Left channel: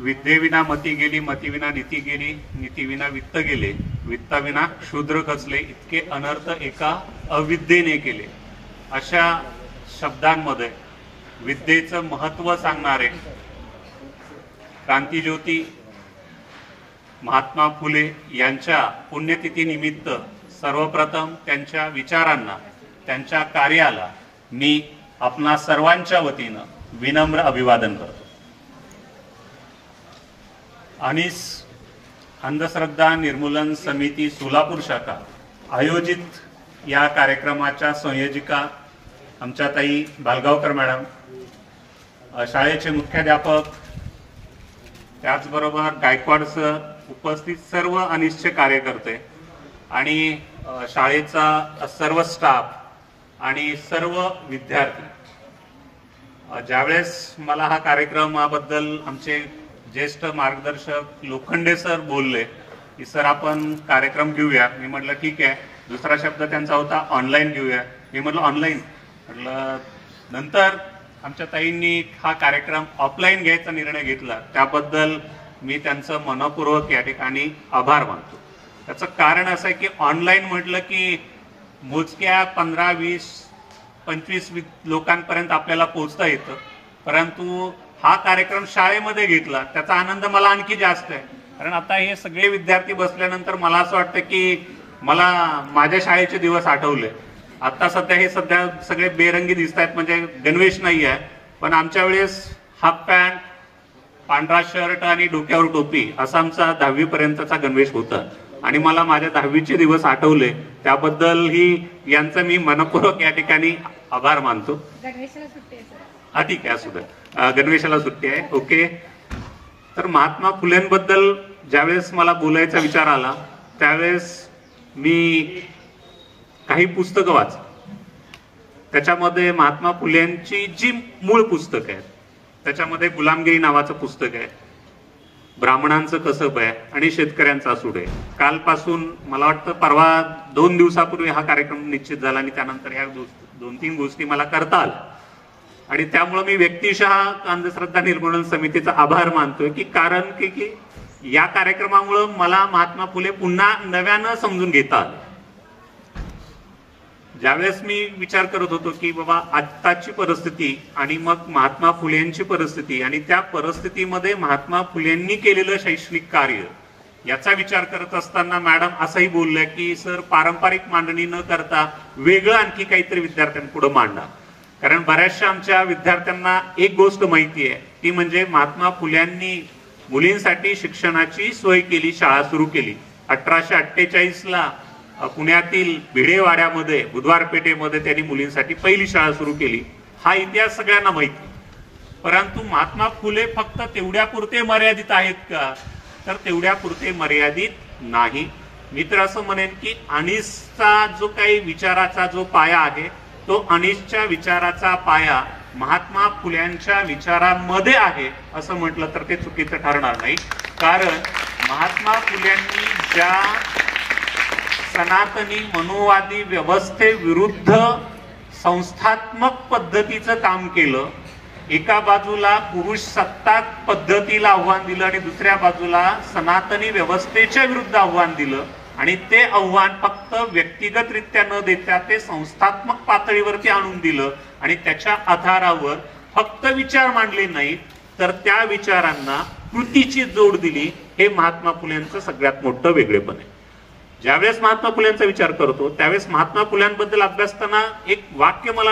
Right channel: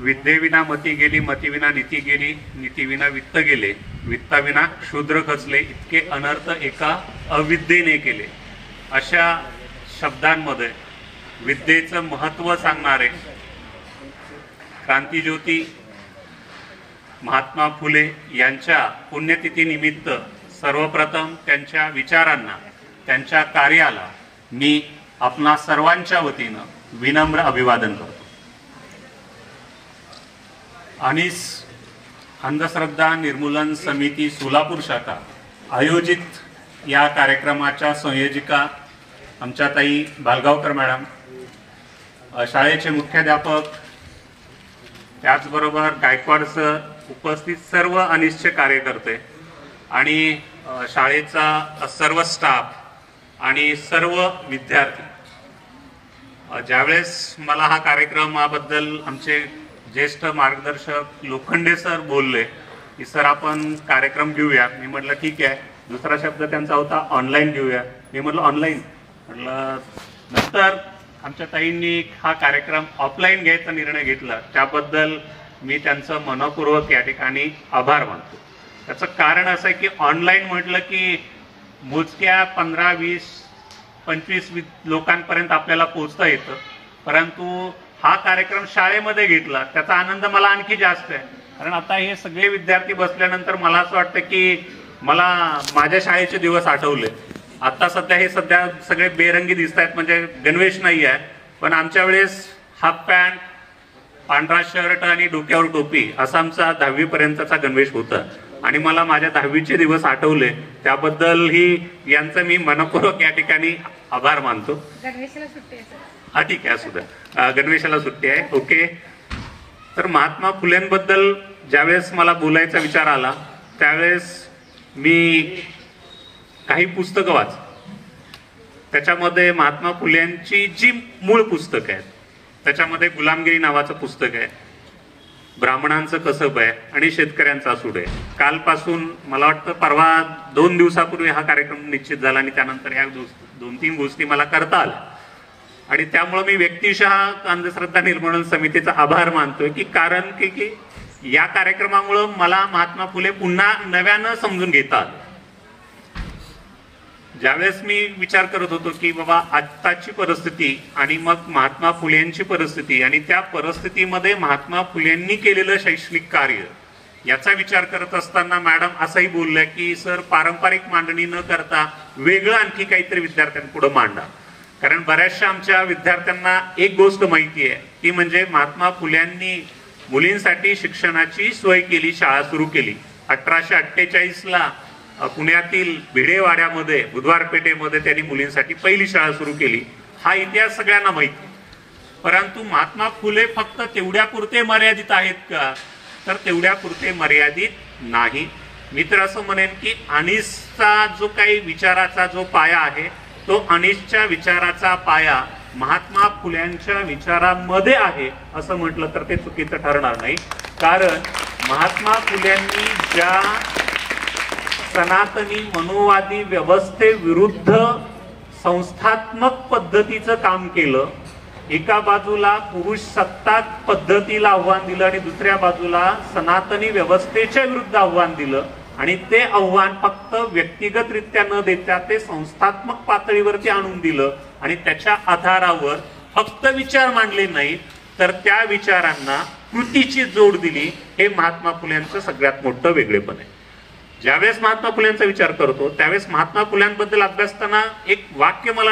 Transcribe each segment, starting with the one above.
विद्येविना मती गेली, मतीविना नीती गेली, नीतीविना वित्त गेले, वित्ताविना शूद्र खचले, इतके अनर्थ एका अविद्येने केले. अशा शब्दांमध्ये विद्येचं महत्त्व सांगणारे क्रांतिज्योती महात्मा फुले यांच्या पुण्यतिथीनिमित्त सर्वप्रथम त्यांच्या विचारांना, त्यांच्या कार्याला मी आपणा सर्वांच्या वतीनं विनम्र अभिवादन करतो. अनिस अंधश्रद्धा निर्मूलन समिती सोलापूर शाखा आयोजित या कार्यक्रमाच्या संयोजिका आमच्या ताई बालगावकर मॅडम, शाळेचे मुख्याध्यापक, त्याचबरोबर गायकवाड सर, उपस्थित सर्व अनिसचे कार्यकर्ते आणि शाळेचा सर्व स्टाफ आणि सर्व विद्यार्थी. ज्यावेळेस मला हा कार्यक्रमाबद्दल आमचे ज्येष्ठ मार्गदर्शक लोखंडे सर बोलले की सर आपण कार्यक्रम घेऊया, मी म्हटलं ठीक आहे. दुसरा शब्द त्यांचा होता ऑनलाईन घेऊया, मी म्हटलं ऑनलाईन. म्हटलं नंतर आमच्या ताईंनी हा कार्यक्रम ऑफलाईन घ्यायचा निर्णय घेतला, त्याबद्दल मी त्यांचं मनपूर्वक या ठिकाणी आभार मानतो. त्याचं कारण असं आहे की ऑनलाईन म्हटलं की मोजक्या 15, 20, 25 लोकांपर्यंत आपल्याला पोहोचता येतं, परंतु हा कार्यक्रम शाळेमध्ये घेतला त्याचा आनंद मला आणखी जास्त आहे. कारण आता हे सगळे विद्यार्थी बसल्यानंतर मला असं वाटतं की मला माझ्या शाळेचे दिवस आठवले. आता सध्या सगळे बेरंगी दिसत आहेत, म्हणजे गणवेश नाही आहे, पण आमच्या वेळेस हाफ पॅन्ट, पांढरा शर्ट आणि डोक्यावर टोपी असा आमचा 10वी पर्यंतचा गणवेश होता. आणि मला माझ्या 10वीचे दिवस आठवले, त्याबद्दलही यांचं मी मनपूर्वक या ठिकाणी आभार मानतो. गणवेशाला सुट्टी आहे सर. हा ठीक आहे, असू द्या, गणवेशाला सुट्टी आहे, ओके. तर महात्मा फुलेंबद्दल ज्यावेळेस मला बोलायचा विचार आला त्यावेळेस मी काही पुस्तकं वाच, त्याच्यामध्ये महात्मा फुलेंची जी मूळ पुस्तक आहेत त्याच्यामध्ये गुलामगिरी नावाचं पुस्तक आहे, ब्राह्मणांचं कसब आहे आणि शेतकऱ्यांचा सूड आहे. कालपासून मला वाटतं परवा 2 दिवसापूर्वी हा कार्यक्रम निश्चित झाला आणि त्यानंतर या 2-3 गोष्टी मला करता आल्या. आणि त्यामुळे मी व्यक्तिशः अंधश्रद्धा निर्मूलन समितीचा आभार मानतोय की कारण की या कार्यक्रमामुळे मला महात्मा फुले पुन्हा नव्यानं समजून घेतात. ज्यावेळेस मी विचार करत होतो की बाबा आत्ताची परिस्थिती आणि मग महात्मा फुलेंची परिस्थिती आणि त्या परिस्थितीमध्ये महात्मा फुलेंनी केलेलं शैक्षणिक कार्य याचा विचार करत असताना मॅडम असंही बोलल्या की सर पारंपरिक मांडणी न करता वेगळं आणखी काहीतरी विद्यार्थ्यांपुढे मांडा. कारण बऱ्याचशा आमच्या विद्यार्थ्यांना एक गोष्ट माहिती आहे, ती म्हणजे महात्मा फुल्यांनी मुलींसाठी शिक्षणाची सोय केली, शाळा सुरू केली. 1848ला पुण्यातील भिडेवाड्यामध्ये बुधवार पेठेमध्ये त्यांनी मुलींसाठी पहिली शाळा सुरू केली. हा इतिहास सगळ्यांना माहिती. परंतु महात्मा फुले फक्त तेवढ्यापुरते मर्यादित आहेत का? तर तेवढ्यापुरते मर्यादित नाही. मी तर असं म्हणेन की अनिसचा जो काही विचाराचा जो पाया आहे तो अनिसच्या विचाराचा पाया महात्मा फुल्यांच्या विचारामध्ये आहे असं म्हटलं तर ते चुकीचं ठरणार नाही. कारण महात्मा फुल्यांनी ज्या सनातनी मनुवादी व्यवस्थेविरुद्ध संस्थात्मक पद्धतीचं काम केलं, एका बाजूला पुरुष सत्ताक पद्धतीला आव्हान दिलं आणि दुसऱ्या बाजूला सनातनी व्यवस्थेच्या विरुद्ध आव्हान दिलं, आणि ते आव्हान फक्त व्यक्तिगतरित्या न देता ते संस्थात्मक पातळीवरती आणून दिलं आणि त्याच्या आधारावर फक्त विचार मांडले नाही तर त्या विचारांना कृतीची जोड दिली. हे महात्मा फुल्यांचं सगळ्यात मोठं वेगळेपण आहे. ज्यावेळेस महात्मा फुल्यांचा विचार करतो त्यावेळेस महात्मा फुल्यांबद्दल अभ्यासताना एक वाक्य मला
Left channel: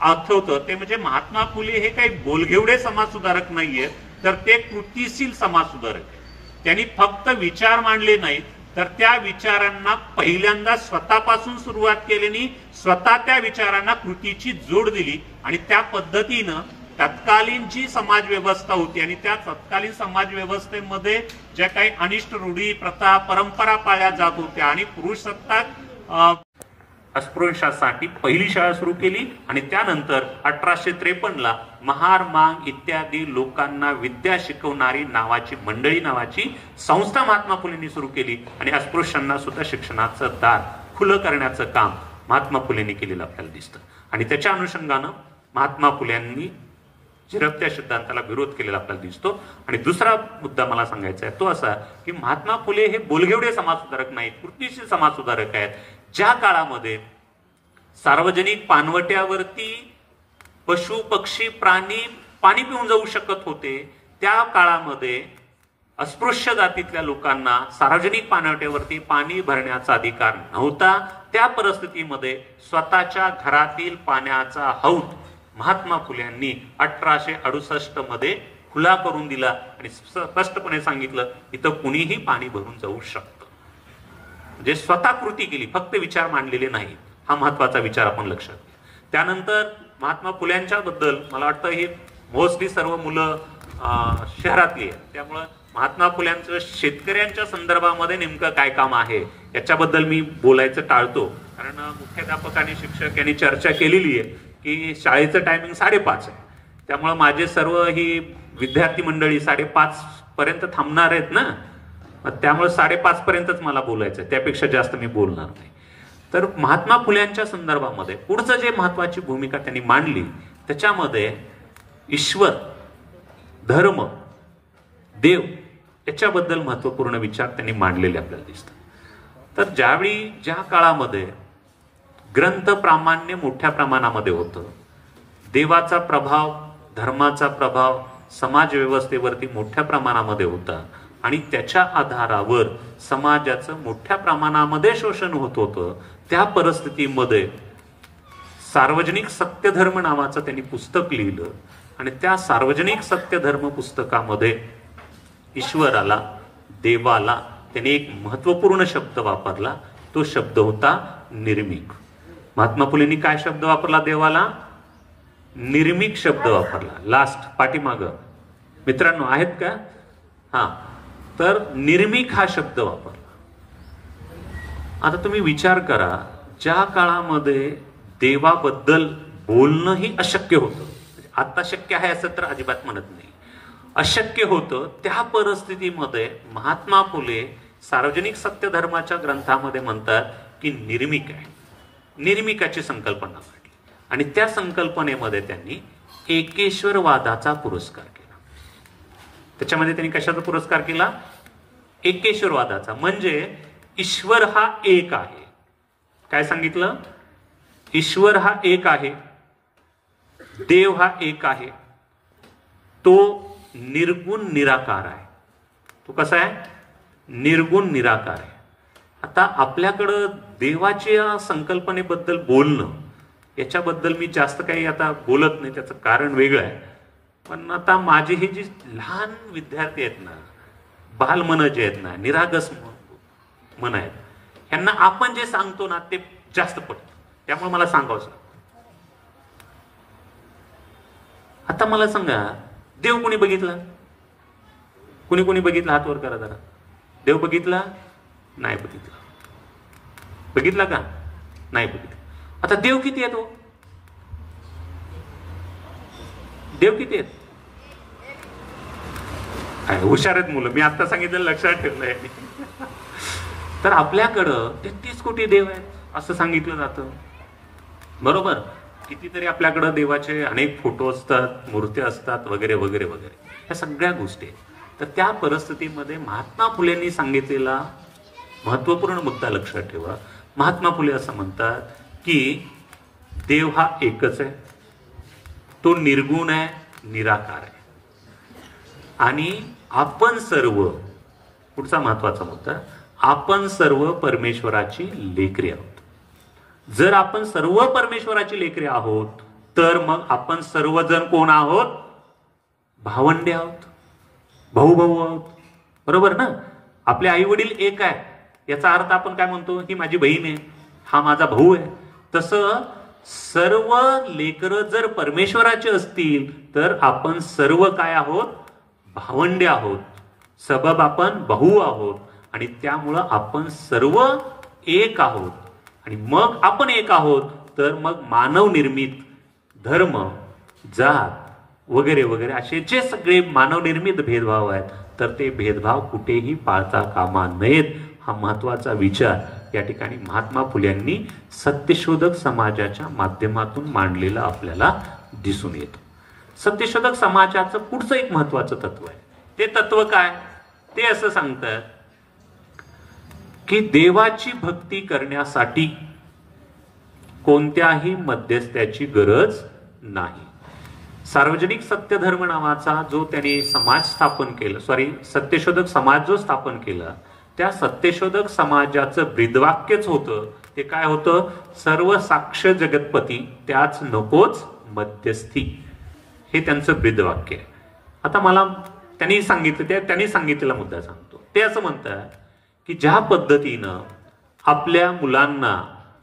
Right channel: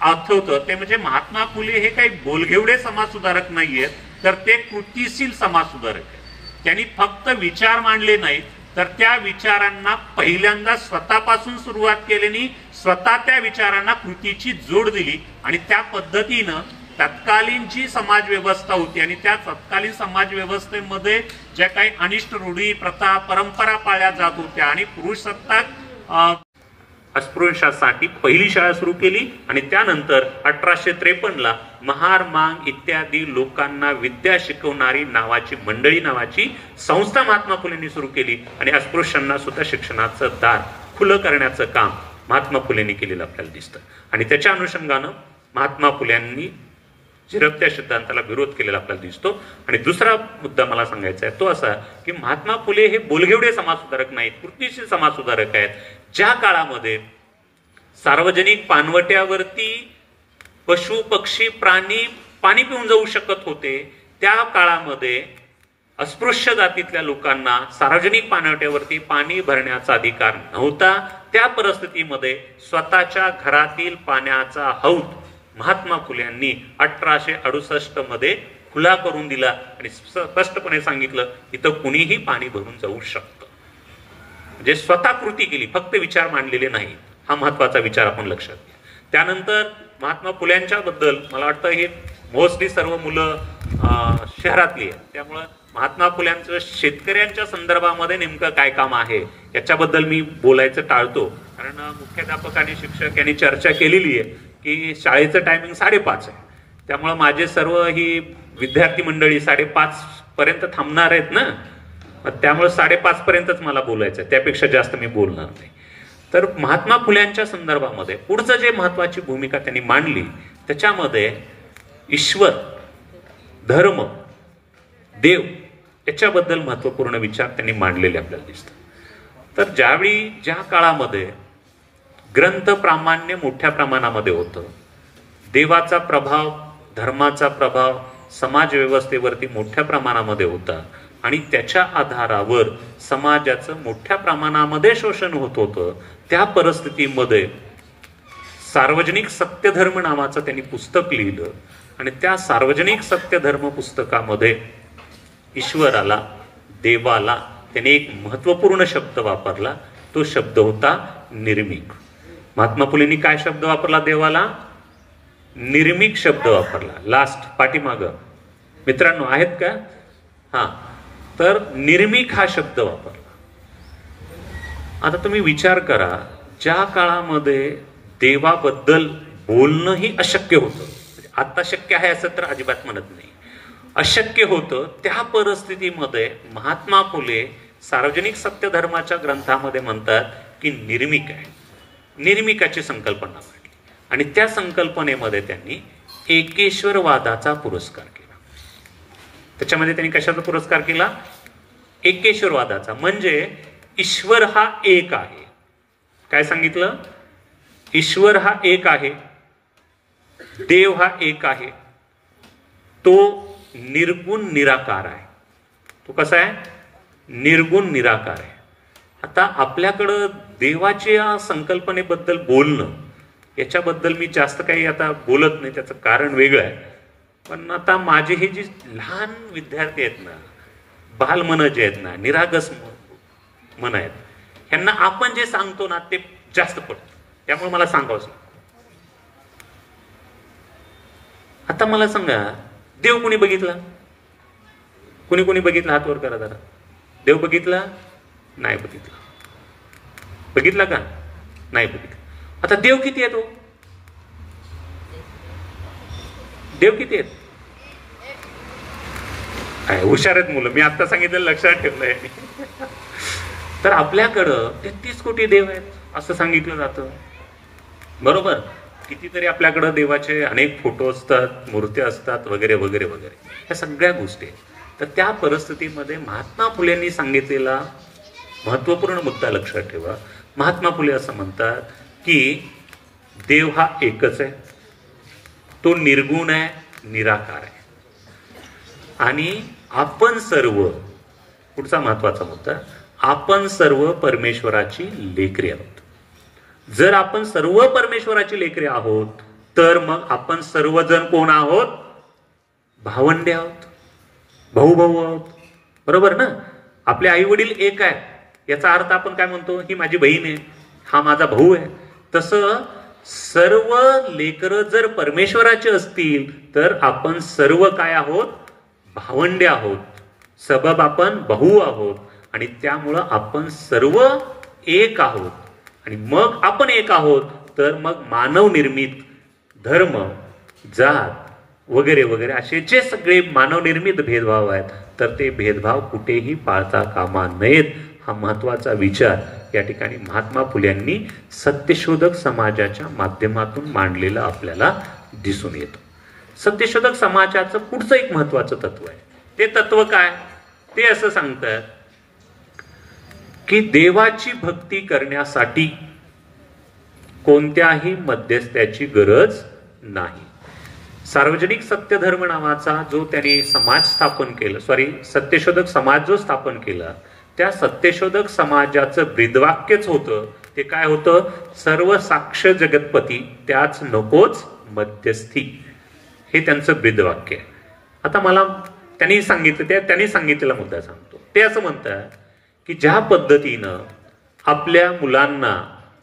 आठवतं, ते म्हणजे महात्मा फुले हे काही बोलघेवडे समाज सुधारक नाहीयेत, तर ते कृतीशील समाज सुधारक आहेत. त्यांनी फक्त विचार मांडले नाहीत तर त्या विचारांना पहिल्यांदा स्वतःपासून सुरुवात केल्याने स्वतः त्या विचारांना कृतीची जोड दिली आणि त्या पद्धतीनं तत्कालीन जी समाज व्यवस्था होती आणि त्या तत्कालीन समाज व्यवस्थेमध्ये ज्या काही अनिष्ट रूढी, प्रथा, परंपरा पाळल्या जात होत्या आणि पुरुष सत्ताक अस्पृश्यांसाठी पहिली शाळा सुरू केली आणि त्यानंतर 1853ला महार मांग इत्यादी लोकांना विद्या शिकवणारी नावाची मंडळी नावाची संस्था महात्मा फुलेंनी सुरू केली आणि अस्पृश्यांना सुद्धा शिक्षणाचं दार खुलं करण्याचं काम महात्मा फुलेंनी केलेलं आपल्याला दिसतं. आणि त्याच्या अनुषंगानं महात्मा फुल्यांनी झिरपत्या सिद्धांताला विरोध केलेला आपल्याला दिसतो. आणि दुसरा मुद्दा मला सांगायचा आहे तो असा की महात्मा फुले हे बोलगेवडे समाजसुधारक नाहीत, कृतीशील समाजसुधारक आहेत. ज्या काळामध्ये सार्वजनिक पानवट्यावरती पशु पक्षी प्राणी पाणी पिऊन जाऊ शकत होते, त्या काळामध्ये अस्पृश्य जातीतल्या लोकांना सार्वजनिक पानवट्यावरती पाणी भरण्याचा अधिकार नव्हता. त्या परिस्थितीमध्ये स्वतःच्या घरातील पाण्याचा हौद महात्मा फुल्यांनी 1868 मध्ये खुला करून दिला आणि स्पष्टपणे सांगितलं इथं कुणीही पाणी भरून जाऊ शकतं. म्हणजे स्वतः कृती केली, फक्त विचार मांडलेले नाहीत. हा महत्वाचा विचार आपण लक्षात घ्या. त्यानंतर महात्मा फुल्यांच्या बद्दल मला वाटतं हे मोस्टली सर्व मुलं शहरातली आहेत, त्यामुळं महात्मा फुल्यांचं शेतकऱ्यांच्या संदर्भामध्ये नेमकं काय काम आहे याच्याबद्दल मी बोलायचं टाळतो. कारण मुख्याध्यापक आणि शिक्षक यांनी चर्चा केलेली आहे की शाळेचं टायमिंग 5:30 आहे, त्यामुळे माझे सर्व ही विद्यार्थी मंडळी 5:30 पर्यंत थांबणार आहेत ना, त्यामुळे 5:30 पर्यंतच मला बोलायचं आहे, त्यापेक्षा जास्त मी बोलणार नाही. तर महात्मा फुल्यांच्या संदर्भामध्ये पुढचं जे महत्वाची भूमिका त्यांनी मांडली त्याच्यामध्ये ईश्वर, धर्म, देव याच्याबद्दल महत्वपूर्ण विचार त्यांनी मांडलेले आपल्याला दिसतात. तर ज्यावेळी ज्या काळामध्ये ग्रंथ प्रामाण्य मोठ्या प्रमाणामध्ये होतं, देवाचा प्रभाव, धर्माचा प्रभाव समाज व्यवस्थेवरती मोठ्या प्रमाणामध्ये होता आणि त्याच्या आधारावर समाजाचं मोठ्या प्रमाणामध्ये शोषण होत होतं, त्या परिस्थितीमध्ये सार्वजनिक सत्यधर्म नावाचं त्यांनी पुस्तक लिहिलं आणि त्या सार्वजनिक सत्यधर्म पुस्तकामध्ये ईश्वराला, देवाला त्याने एक महत्वपूर्ण शब्द वापरला. तो शब्द होता निर्मिक. महात्मा फुलेंनी काय शब्द वापरला देवाला? निर्मिक शब्द वापरला. लास्ट पाठीमाग मित्रांनो आहेत का? हा, तर निर्मिक हा शब्द वापरला. आता तुम्ही विचार करा, ज्या काळामध्ये देवाबद्दल बोलणंही अशक्य होतं, आता शक्य आहे असं तर अजिबात म्हणत नाही, अशक्य होतं, त्या परिस्थितीमध्ये महात्मा फुले सार्वजनिक सत्यधर्माच्या ग्रंथामध्ये म्हणतात की निर्मिक आहे. निर्मिकाची संकल्पना मांडली आणि त्या संकल्पनेमध्ये त्यांनी एकेश्वरवादाचा पुरस्कार केला. त्याच्यामध्ये त्यांनी कशाचा पुरस्कार केला? एकेश्वरवादाचा. म्हणजे ईश्वर हा एक आहे. काय सांगितलं? ईश्वर हा एक आहे, देव हा एक आहे, तो निर्गुण निराकार आहे. तो कसा आहे? निर्गुण निराकार आहे. आता आपल्याकडं देवाच्या संकल्पनेबद्दल बोलणं, याच्याबद्दल मी जास्त काही आता बोलत नाही, त्याचं कारण वेगळं आहे. पण आता माझे हे जे लहान विद्यार्थी आहेत ना, बालमन जे आहेत ना, निरागस मन आहेत, यांना आपण जे सांगतो ना ते जास्त पडतं. त्यामुळे मला सांगावं. आता मला सांगा, देव कोणी बघितला? कोणी कोणी बघितला? हात वर करा जरा. देव बघितला? नाही बघितला. बघितला का? नाही बघितला. आता देव किती आहे? तो देव किती आहेत? काय हुशार आहेत मुलं, मी आता सांगितलं लक्षात ठेवलंय. तर आपल्याकडं 33 कोटी देव आहेत असं सांगितलं जातं, बरोबर? कितीतरी आपल्याकडं देवाचे अनेक फोटो असतात, मूर्त्या असतात, वगैरे वगैरे वगैरे, ह्या सगळ्या गोष्टी आहेत. तर त्या परिस्थितीमध्ये महात्मा फुलेंनी सांगितलेला महत्वपूर्ण मुद्दा लक्षात ठेवा. महात्मा फुले असं म्हणतात की देव हा एकच आहे, तो निर्गुण आहे, निराकार आहे आणि आपण सर्व, पुढचा महत्वाचा मुद्दा, आपण सर्व परमेश्वराची लेकरे आहोत. जर आपण सर्व परमेश्वराची लेकरे आहोत तर मग आपण सर्वजण कोण आहोत? भावंडे आहोत, भाऊ भाऊ आहोत, बरोबर ना? आपले आई वडील एक आहे, याचा अर्थ आपण काय म्हणतो? ही माझी बहीण आहे, हा माझा भाऊ आहे. तसं सर्व लेकरं जर परमेश्वराचे असतील तर आपण सर्व काय आहोत? भावंडे आहोत, सबब आपण भाऊ आहोत आणि त्यामुळं आपण सर्व एक आहोत. आणि मग आपण एक आहोत तर मग मानव निर्मित धर्म, जात वगैरे वगैरे असे जे सगळे मानव निर्मित भेदभाव आहेत तर ते भेदभाव कुठेही पाळता कामा नयेत. हा महत्वाचा विचार या ठिकाणी महात्मा फुल्यांनी सत्यशोधक समाजाच्या माध्यमातून मांडलेला आपल्याला दिसून येतो. सत्यशोधक समाजाचं पुढचं एक महत्वाचं तत्व आहे. ते तत्व काय? ते असं सांगतात की देवाची भक्ती करण्यासाठी कोणत्याही मध्यस्थ्याची गरज नाही. सार्वजनिक सत्यधर्म नावाचा जो त्यांनी समाज स्थापन केलं, सत्यशोधक समाज जो स्थापन केला, त्या सत्यशोधक समाजाचं ब्रीदवाक्यच होतं ते काय होतं? सर्व साक्ष जगतपती त्याच नकोच मध्यस्थी. हे त्यांचं ब्रीदवाक्य आहे. आता मला त्यांनी सांगितलेला मुद्दा सांगतो. ते असं म्हणतात की ज्या पद्धतीनं आपल्या मुलांना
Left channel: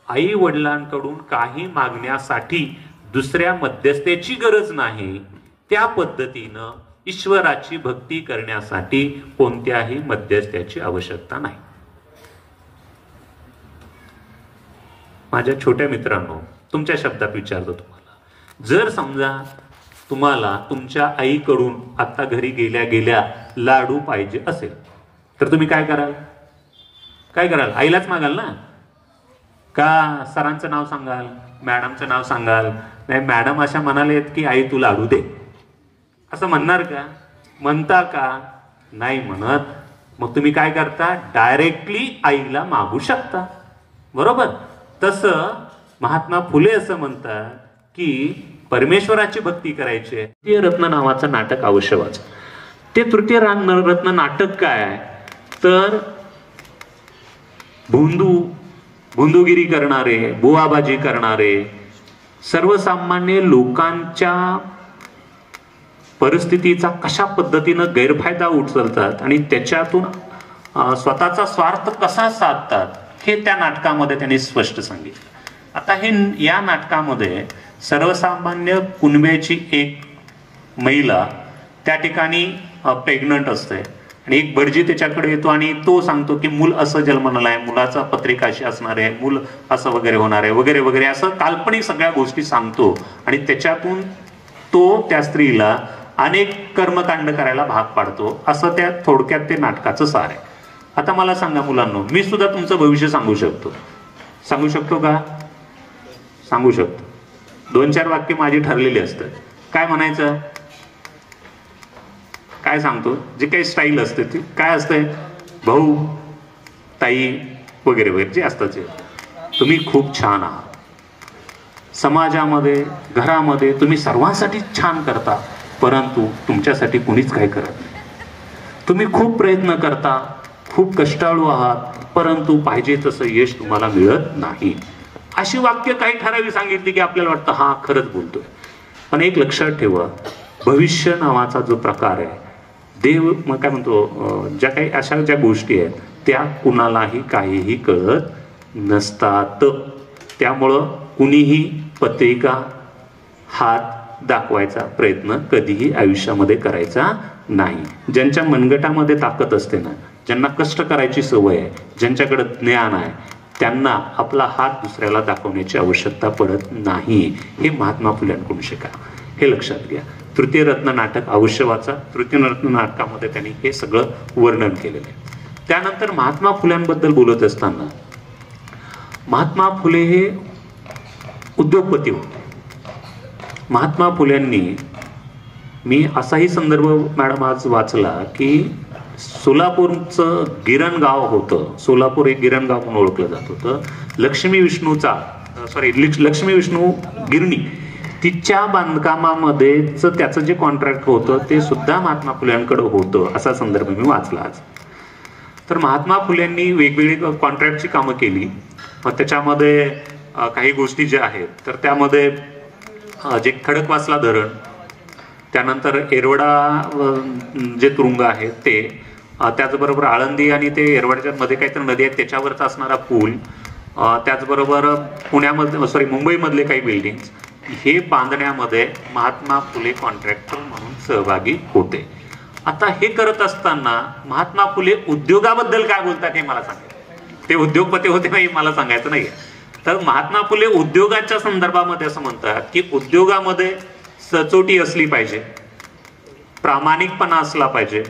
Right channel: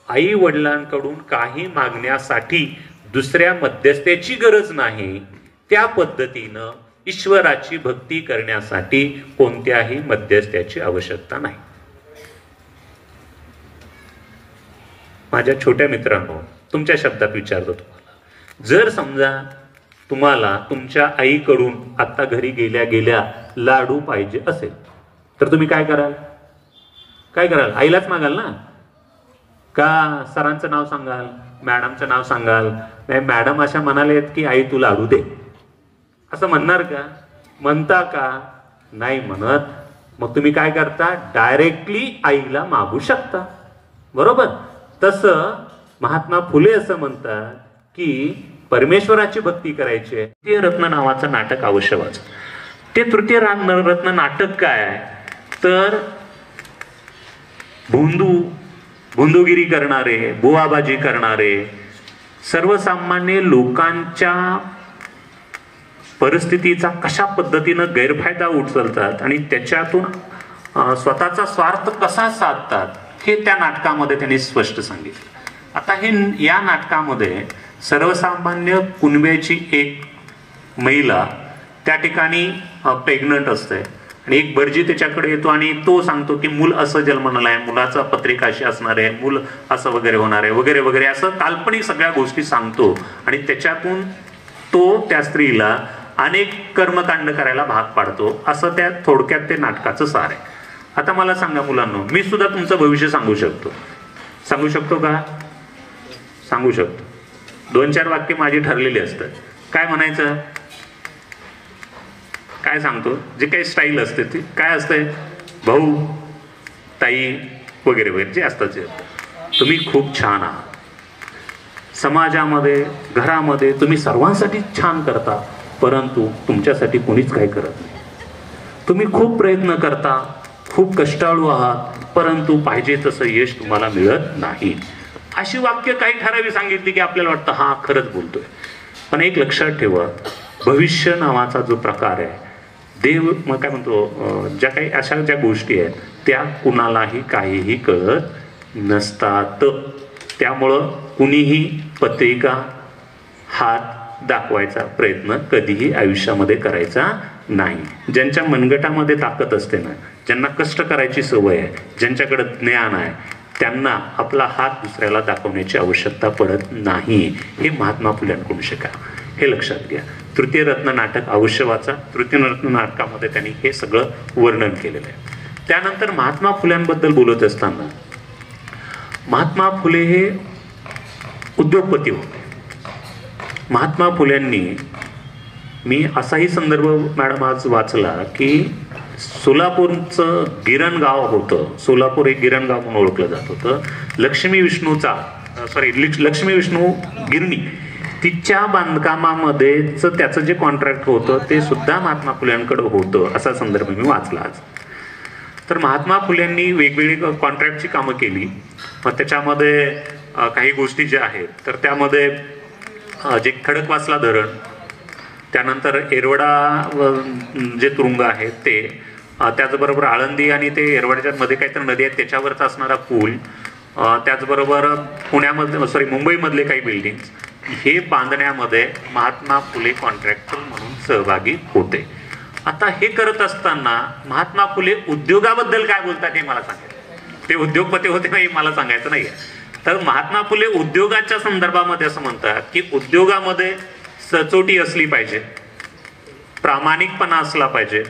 आई वडिलांकडून काही मागण्यासाठी दुसऱ्या मध्यस्थ्याची गरज नाही, त्या पद्धतीनं ईश्वराची भक्ती करण्यासाठी कोणत्याही मध्यस्थ्याची आवश्यकता नाही. माझ्या छोट्या मित्रांनो, तुमच्या शब्दात विचारतो तुम्हाला, जर समजा तुम्हाला तुमच्या आईकडून आता घरी गेल्या गेल्या लाडू पाहिजे असेल तर तुम्ही काय कराल? आईलाच मागाल ना? का सरांचं नाव सांगाल, मॅडमचं नाव सांगाल? नाही, मॅडम अशा म्हणाले की आई तू लाडू दे, असं म्हणणार का? म्हणता का? नाही म्हणत. मग तुम्ही काय करता? डायरेक्टली आईला मागू शकता, बरोबर? तसं महात्मा फुले असं म्हणतात की परमेश्वराची भक्ती करायची आहे. तृतीय रत्न नावाचं नाटक अवश्य वाचा. ते तृतीय रत्न नाटक काय? तर भोंदूगिरी करणारे, बुवाबाजी करणारे, सर्वसामान्य लोकांच्या परिस्थितीचा कशा पद्धतीनं गैरफायदा उचलतात आणि त्याच्यातून स्वतःचा स्वार्थ कसा साधतात, हे त्या नाटकामध्ये त्यांनी स्पष्ट सांगितलं. आता या नाटकामध्ये सर्वसामान्य कुणब्याची एक महिला त्या ठिकाणी प्रेग्नंट असते आणि एक भटजी त्याच्याकडे येतो आणि तो सांगतो की मूल असं जन्माला आहे, मुलाचा पत्रिका अशी असणार आहे, मूल असं वगैरे होणार आहे, वगैरे वगैरे, असं काल्पनिक सगळ्या गोष्टी सांगतो आणि त्याच्यातून तो त्या स्त्रीला अनेक कर्मकांड करायला भाग पाडतो. असं त्या थोडक्यात ते नाटकाचं सार आहे. आता मला सांगा मुलांनो, मी सुद्धा तुमचं भविष्य सांगू शकतो का? सांगू शकतो. 2-4 वाक्य माझी ठरलेली असतात. काय म्हणायचं? काय सांगतो? जे काही स्टाईल असते ती काय असते? भाऊ, ताई वगैरे वगैरे जे असतात ते. तुम्ही खूप छान आहात, समाजामध्ये, घरामध्ये तुम्ही सर्वांसाठी छान करता, परंतु तुमच्यासाठी कुणीच काही करत नाही. तुम्ही खूप प्रयत्न करता, खूप कष्टाळू आहात, परंतु पाहिजे तसं यश तुम्हाला मिळत नाही. अशी वाक्य काही ठरावी सांगितली की आपल्याला वाटतं हा खरंच बोलतोय. पण एक लक्षात ठेवा, भविष्य नावाचा जो प्रकार आहे, देव मग काय म्हणतो, ज्या काही अशा ज्या गोष्टी आहेत त्या कुणालाही काहीही कळत नसतात. त्यामुळं कुणीही पत्रिका, हात दाखवायचा प्रयत्न कधीही आयुष्यामध्ये करायचा नाही. ज्यांच्या मनगटामध्ये ताकद असते ना, ज्यांना कष्ट करायची सवय आहे, ज्यांच्याकडे ज्ञान आहे, त्यांना आपला हात दुसऱ्याला दाखवण्याची आवश्यकता पडत नाही. हे महात्मा फुल्यांकडून शिका, हे लक्षात घ्या. तृतीय रत्न नाटक अवश्य वाचा. तृतीय रत्न नाटकामध्ये त्यांनी हे सगळं वर्णन केलेलं आहे. त्यानंतर महात्मा फुल्यांबद्दल बोलत असताना, महात्मा फुले हे उद्योगपती होते. महात्मा फुल्यांनी, मी असाही संदर्भ मॅडम आज वाचला की सोलापूरचं गिरण गाव होतं, सोलापूर एक गिरण गाव म्हणून ओळखलं जात होतं. लक्ष्मी विष्णू गिरणी, तिच्या बांधकामामध्ये त्याचं जे कॉन्ट्रॅक्ट होतं ते सुद्धा महात्मा फुल्यांकडे होतं, असा संदर्भ मी वाचला आज. तर महात्मा फुल्यांनी वेगवेगळी कॉन्ट्रॅक्टची कामं केली. मग त्याच्यामध्ये काही गोष्टी ज्या आहेत तर त्यामध्ये जे खडकवासला धरण, त्यानंतर एरवडा जे तुरुंग आहेत ते, त्याचबरोबर आळंदी आणि ते एरवड्याच्या मध्ये काहीतरी नदी आहे त्याच्यावरचा असणारा पूल, त्याचबरोबर मुंबईमधले काही बिल्डिंग्स, हे बांधण्यामध्ये महात्मा फुले कॉन्ट्रॅक्टर म्हणून सहभागी होते. आता हे करत असताना महात्मा फुले उद्योगाबद्दल काय बोलतात हे मला सांगायचं. ते उद्योगपती होते नाही मला सांगायचं नाहीये. तर महात्मा फुले उद्योगाच्या संदर्भामध्ये असं म्हणतात की उद्योगामध्ये सचोटी असली पाहिजे, प्रामाणिकपणा असला पाहिजे,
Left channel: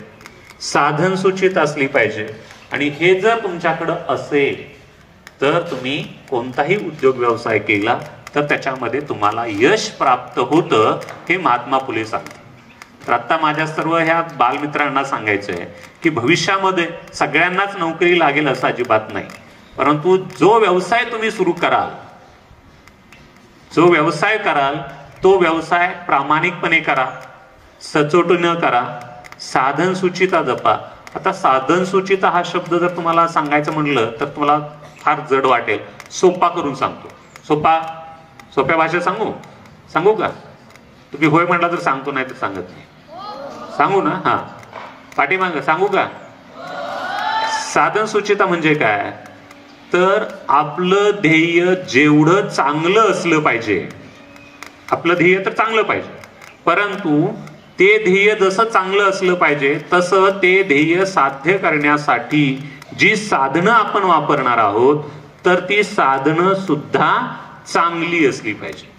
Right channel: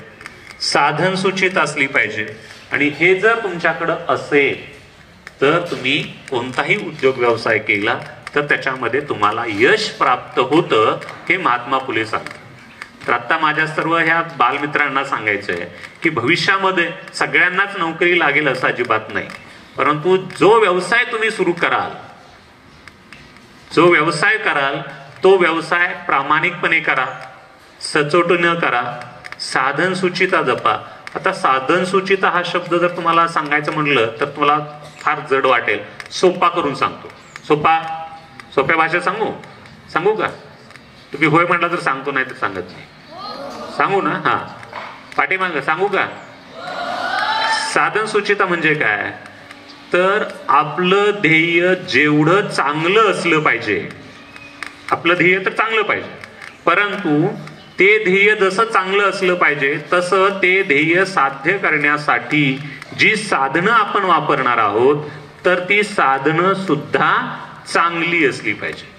साधन सूचित असली पाहिजे, आणि हे जर तुमच्याकडं असेल तर तुम्ही कोणताही उद्योग व्यवसाय केला तर त्याच्यामध्ये तुम्हाला यश प्राप्त होतं, हे महात्मा फुले सांगतात. तर आता माझ्या सर्व ह्या बालमित्रांना सांगायचं आहे की भविष्यामध्ये सगळ्यांनाच नोकरी लागेल असं अजिबात नाही, परंतु जो व्यवसाय तुम्ही सुरू कराल, जो व्यवसाय कराल तो व्यवसाय प्रामाणिकपणे करा, सचोटीनं करा, साधन सुचिता जपा. आता साधन सुचिता हा शब्द जर तुम्हाला सांगायचं म्हणलं तर तुम्हाला फार जड वाटेल, सोपा करून सांगतो. सोप्या भाषेत सांगू का? तुम्ही होय म्हटला तर सांगतो, नाही तर सांगत नाही. सांगू ना? हा, पाठीमाग सांगू का? साधन सुचिता म्हणजे काय? तर आपलं ध्येय जेवढं चांगलं असलं पाहिजे, आपलं ध्येय तर चांगलं पाहिजे, परंतु ते ध्येय जसं चांगलं असलं पाहिजे तसं ते ध्येय साध्य करण्यासाठी जी साधनं आपण वापरणार आहोत तर ती साधनं सुद्धा चांगली असली पाहिजे.